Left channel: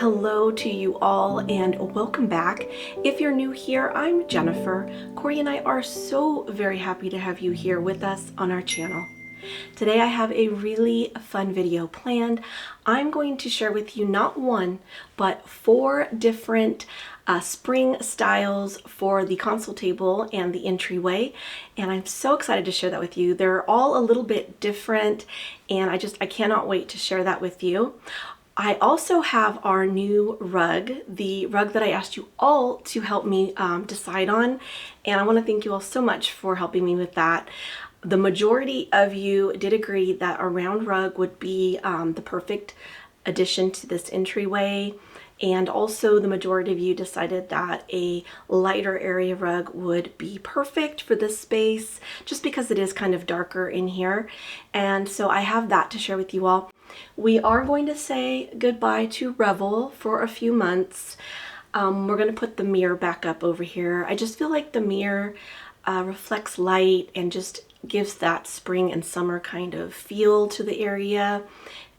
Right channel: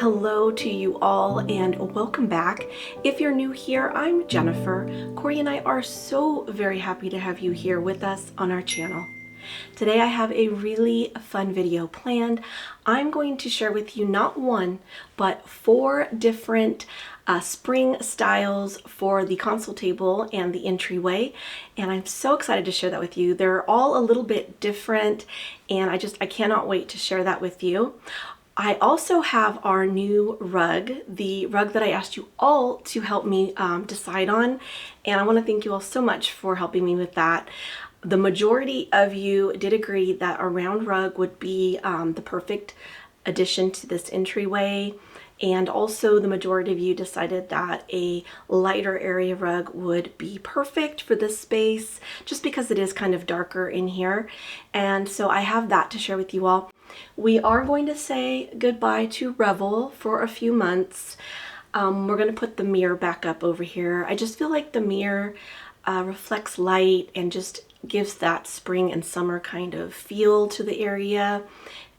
Hello to you all and welcome back. If you're new here, I'm Jennifer. Cory and I are so very happy to have you here with us on our channel. Today I have a really fun video planned. I'm going to share with you not one, but 4 different spring styles for the console table and the entryway, and I'm so excited to share that with you. They're all a little bit different and I cannot wait to share that with you. I also have our new rug, the rug that I asked you all to help me decide on, and I want to thank you all so much for helping me with that. The majority of you did agree that a round rug would be the perfect addition to this entryway, and also the majority of you decided that a lighter area rug would be perfect for this space just because it is kind of darker in here. And so I have that to share with you all. We are going to say goodbye to Revel for a few months. We're going to put the mirror back up over here. I just feel like the mirror reflects light and just gives that spring and summer kind of feel to the area.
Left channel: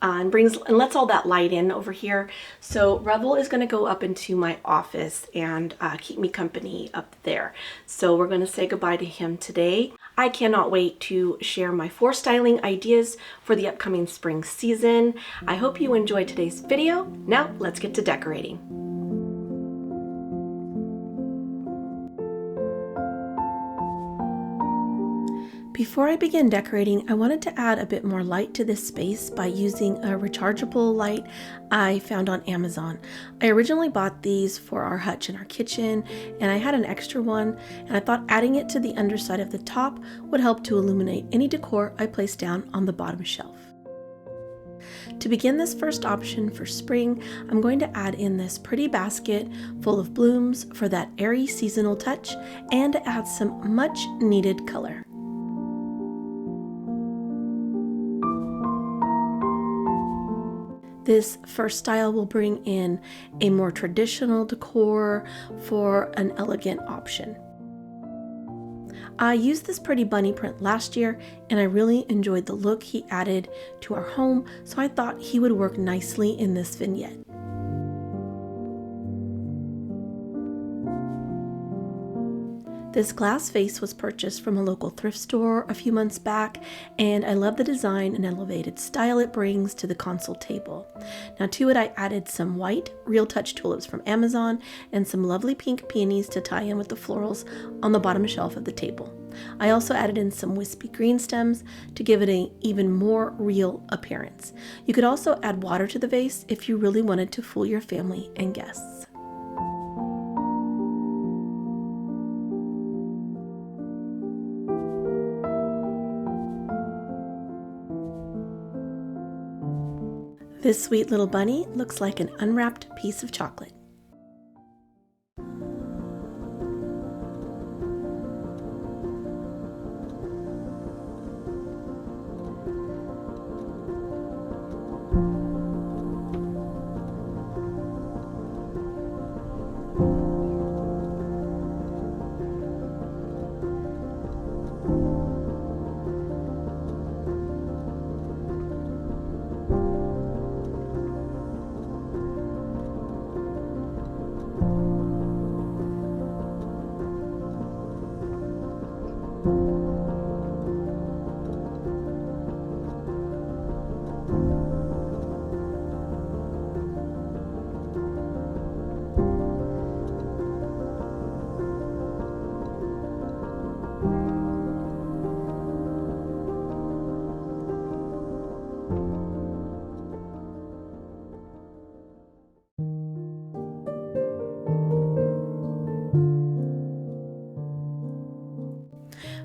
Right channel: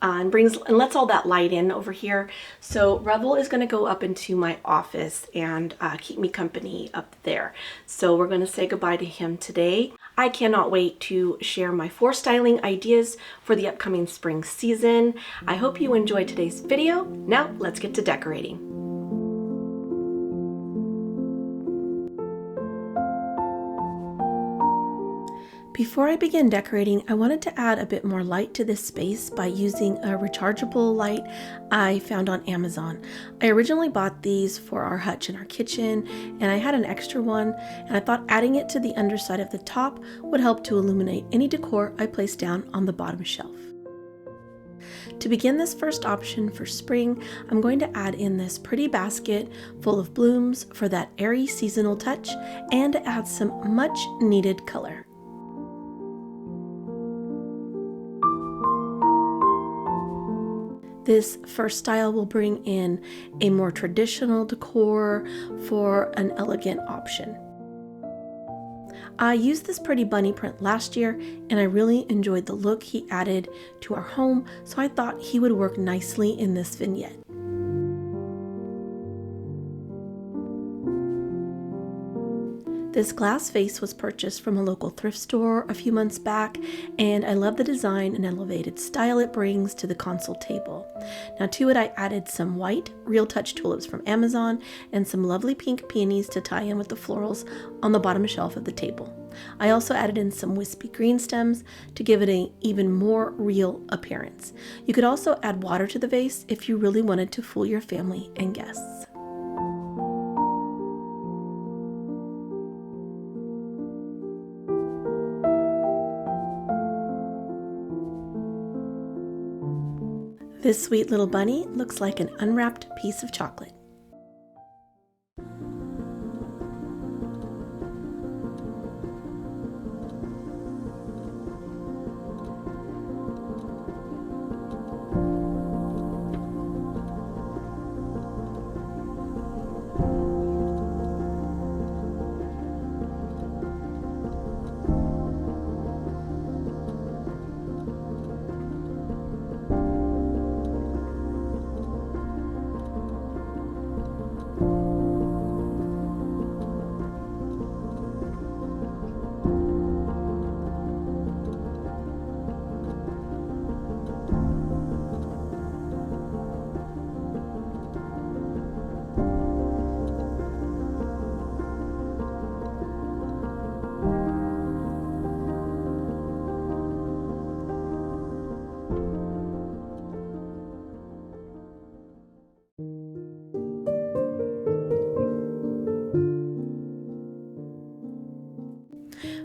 And lets all that light in over here. So Revel is going to go up into my office and keep me company up there. So we're going to say goodbye to him today. I cannot wait to share my 4 styling ideas for the upcoming spring season. I hope you enjoyed today's video. Now let's get to decorating. Before I begin decorating, I wanted to add a bit more light to this space by using a rechargeable light I found on Amazon. I originally bought these for our hutch in our kitchen, and I had an extra one, and I thought adding it to the underside of the top would help to illuminate any decor I placed down on the bottom shelf. To begin this first option for spring, I'm going to add in this pretty basket full of blooms for that airy seasonal touch and to add some much needed color. This first style will bring in a more traditional decor for an elegant option. I used this pretty bunny print last year and I really enjoyed the look he added to our home, so I thought he would work nicely in this vignette. This glass vase was purchased from a local thrift store a few months back, and I love the design and elevated style it brings to the console table. Now to it I added some white Real Touch tulips from Amazon and some lovely pink peonies to tie in with the florals on the bottom shelf of the table. I also added in some wispy green stems to give it an even more real appearance. You could also add water to the vase if you really wanted to fool your family and guests. This sweet little bunny looks like an unwrapped piece of chocolate.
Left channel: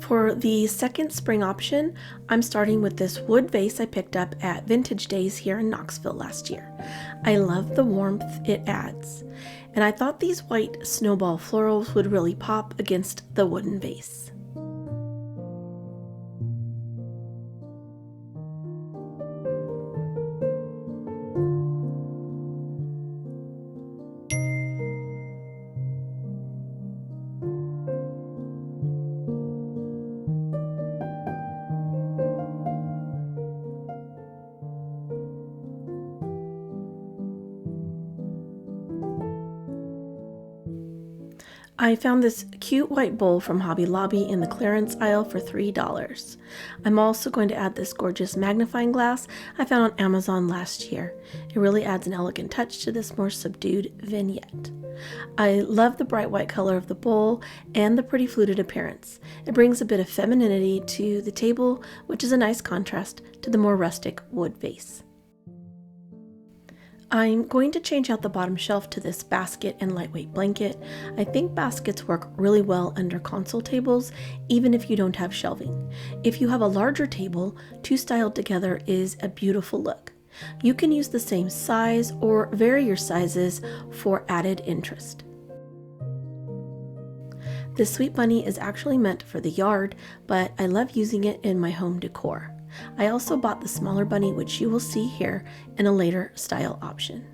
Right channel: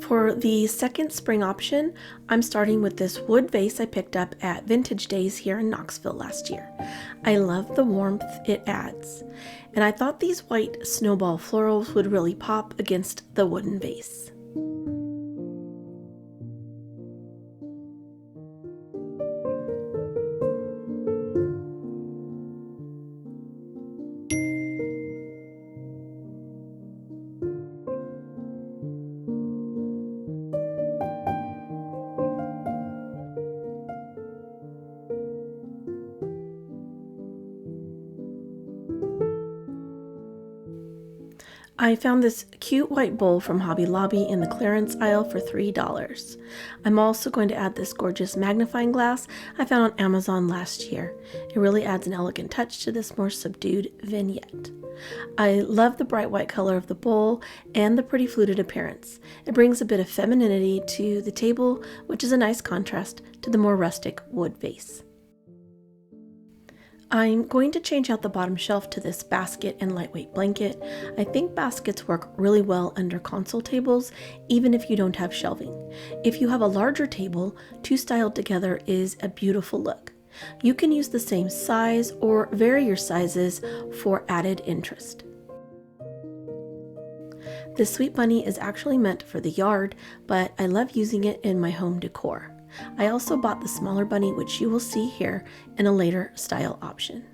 For the second spring option, I'm starting with this wood vase I picked up at Vintage Days here in Knoxville last year. I love the warmth it adds, and I thought these white snowball florals would really pop against the wooden vase. I found this cute white bowl from Hobby Lobby in the clearance aisle for $3. I'm also going to add this gorgeous magnifying glass I found on Amazon last year. It really adds an elegant touch to this more subdued vignette. I love the bright white color of the bowl and the pretty fluted appearance. It brings a bit of femininity to the table, which is a nice contrast to the more rustic wood vase. I'm going to change out the bottom shelf to this basket and lightweight blanket. I think baskets work really well under console tables, even if you don't have shelving. If you have a larger table, two styled together is a beautiful look. You can use the same size or vary your sizes for added interest. This sweet bunny is actually meant for the yard, but I love using it in my home decor. I also bought the smaller bunny, which you will see here in a later style option.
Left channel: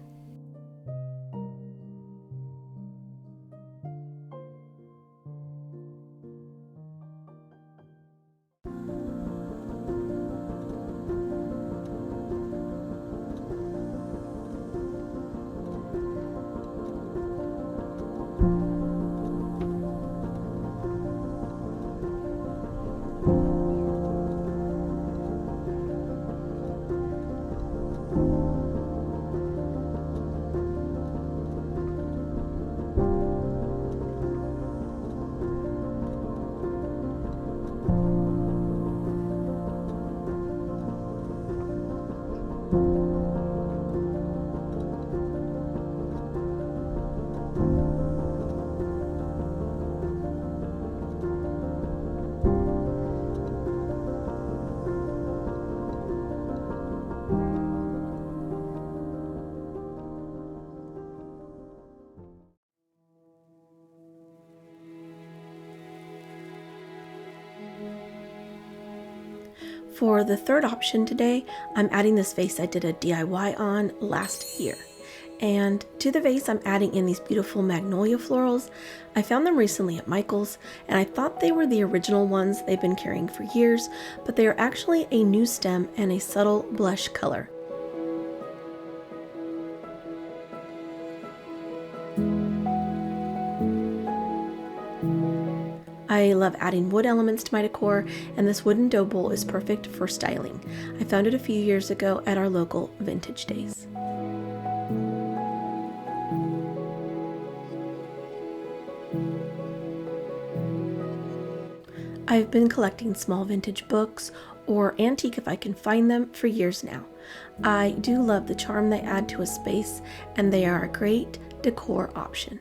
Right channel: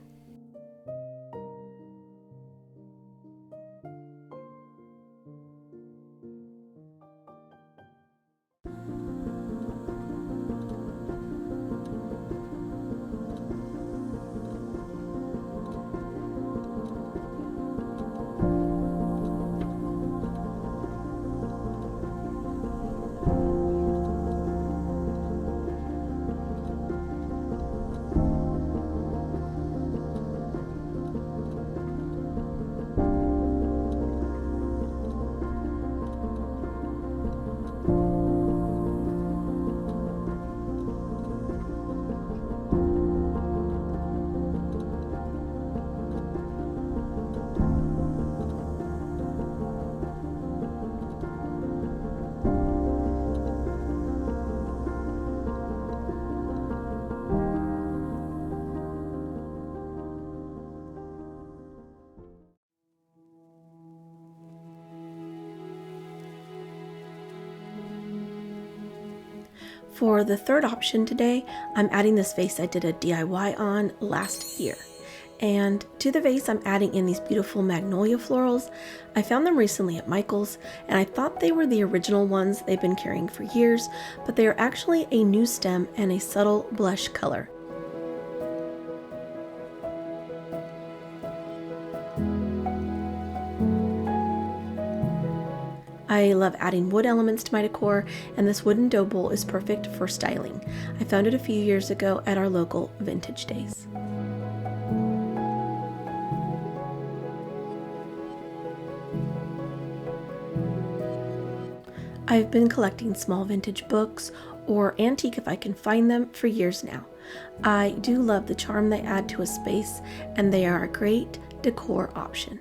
For the third option today, I'm adding this vase I did a DIY on last year. And to the vase, I'm adding in these beautiful magnolia florals. I found them recently at Michael's, and I thought they were the original ones they've been carrying for years, but they are actually a new stem and a subtle blush color. I love adding wood elements to my decor, and this wooden dough bowl is perfect for styling. I found it a few years ago at our local vintage days. I've been collecting small vintage books, or antique if I can find them, for years now. I do love the charm they add to a space, and they are a great decor option.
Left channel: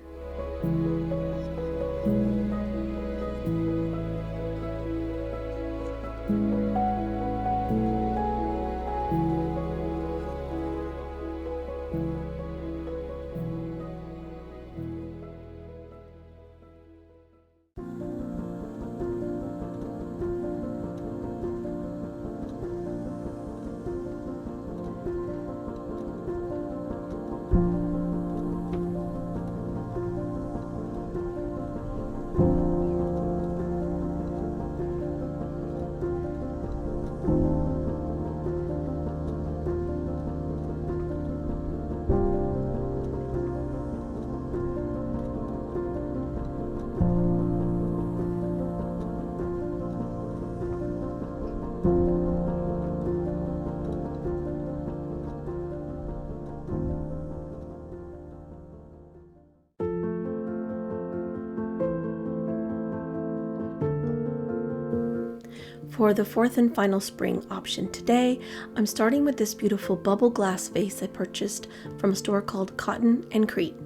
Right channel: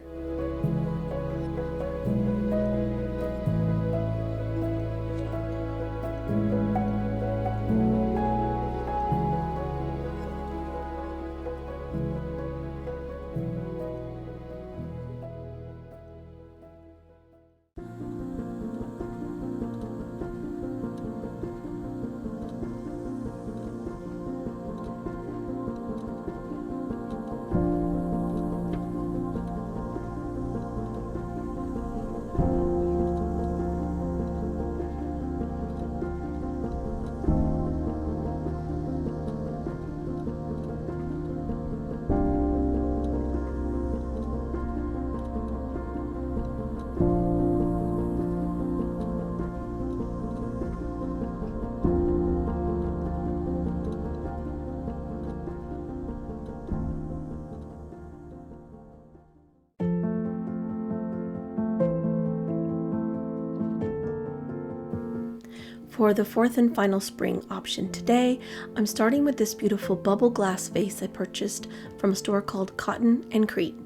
For the fourth and final spring option today, I'm starting with this beautiful bubble glass vase I purchased from a store called Cotton and Crete.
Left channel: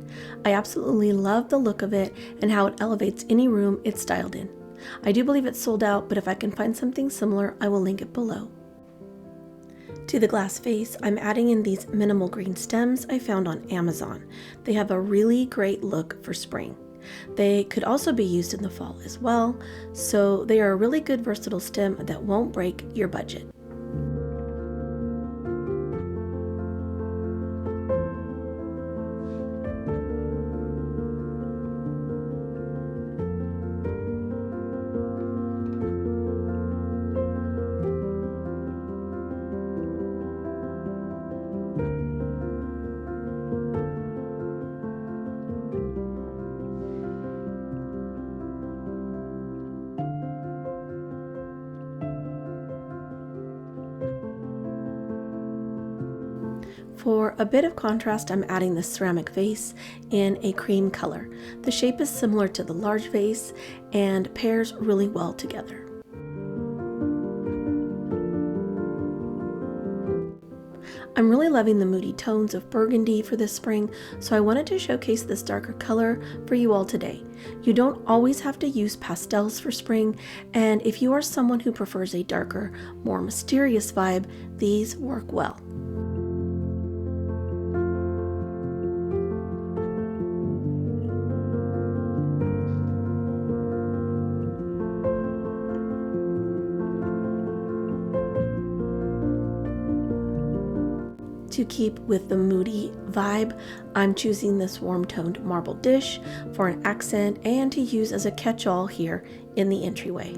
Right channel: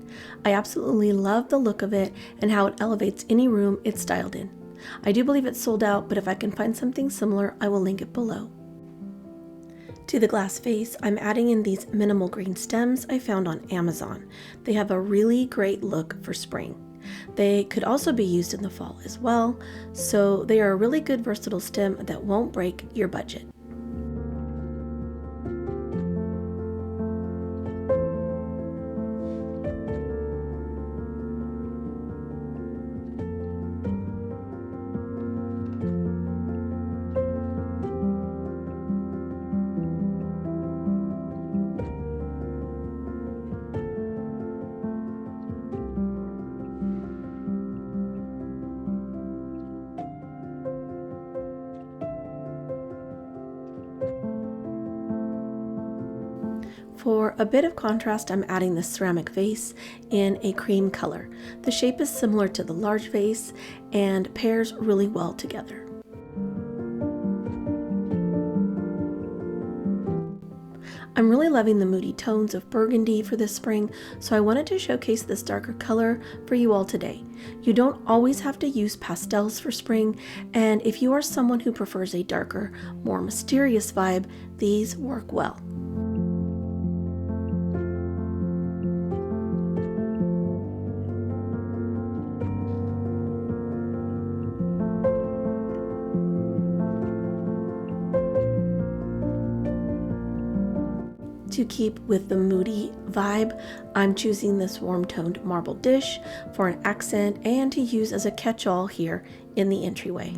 I absolutely love the look of it and how it elevates any room it's styled in. I do believe it's sold out, but if I can find something similar, I will link it below. To the glass vase, I'm adding in these minimal green stems I found on Amazon. They have a really great look for spring. They could also be used in the fall as well, so they are a really good versatile stem that won't break your budget. For a bit of contrast, I'm adding this ceramic vase in a cream color. The shape is similar to the large vase and pairs really well together. I'm really loving the moody tones of burgundy for this spring, so I wanted to showcase this darker color for you all today. You don't always have to use pastels for spring, and if you are someone who prefers a darker, more mysterious vibe, these work well. To keep with the moody vibe, I'm choosing this warm-toned marble dish for an accent and to use as a catch-all here in the entryway.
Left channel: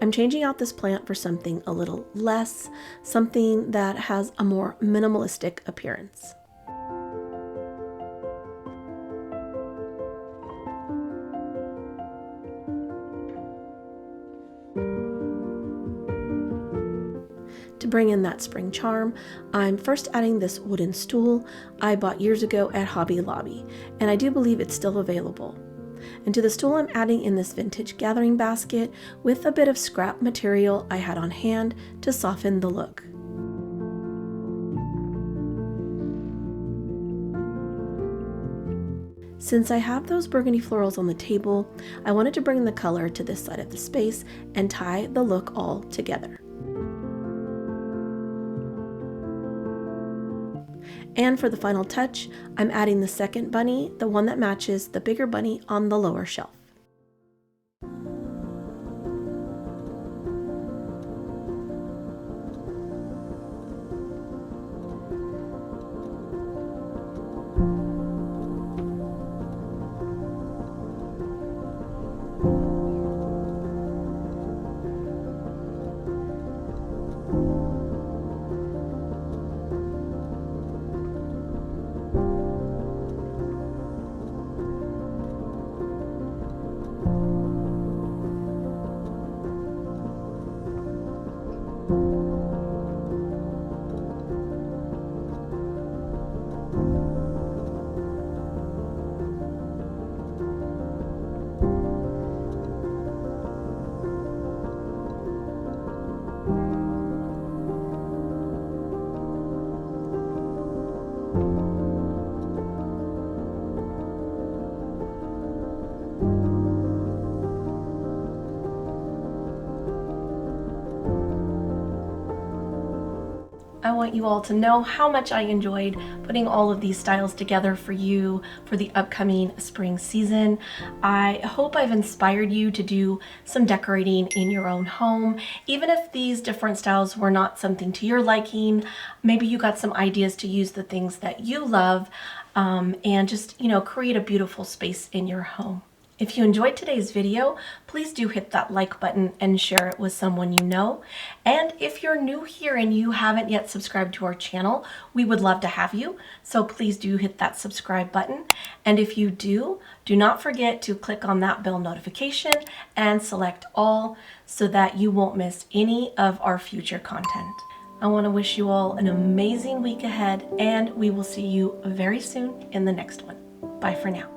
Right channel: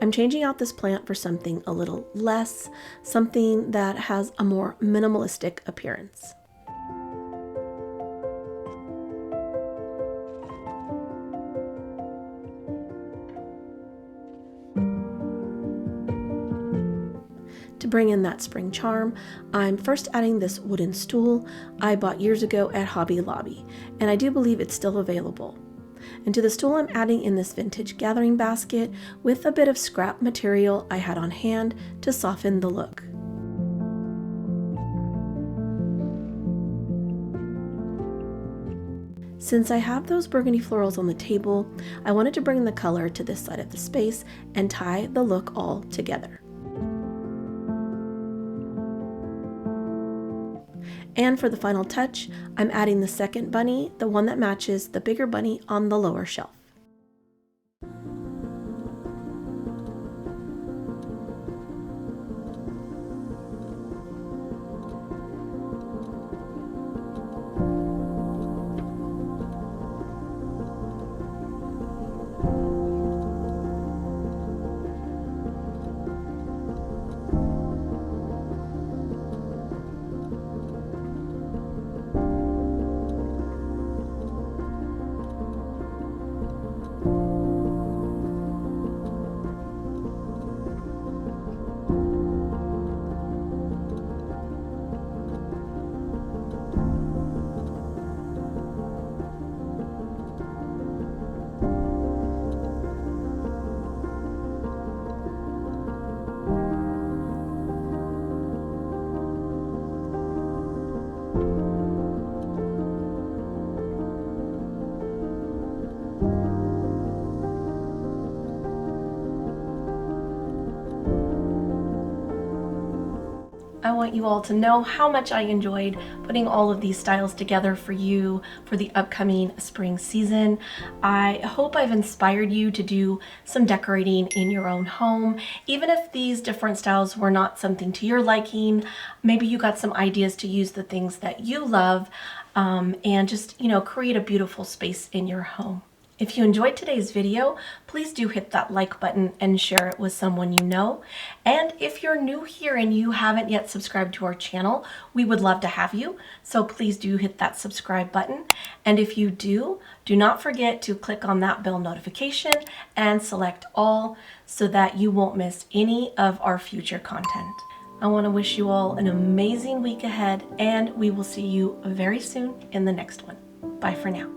I'm changing out this plant for something a little less, something that has a more minimalistic appearance. To bring in that spring charm, I'm first adding this wooden stool I bought years ago at Hobby Lobby, and I do believe it's still available. And to the stool, I'm adding in this vintage gathering basket with a bit of scrap material I had on hand to soften the look. Since I have those burgundy florals on the table, I wanted to bring the color to this side of the space and tie the look all together. And for the final touch, I'm adding the second bunny, the one that matches the bigger bunny on the lower shelf. I want you all to know how much I enjoyed putting all of these styles together for you for the upcoming spring season. I hope I've inspired you to do some decorating in your own home. Even if these different styles were not something to your liking, maybe you got some ideas to use the things that you love and just, create a beautiful space in your home. If you enjoyed today's video, please do hit that like button and share it with someone you know. And if you're new here and you haven't yet subscribed to our channel, we would love to have you. So please do hit that subscribe button. And if you do not forget to click on that bell notification and select all so that you won't miss any of our future content. I want to wish you all an amazing week ahead, and we will see you very soon in the next one. Bye for now.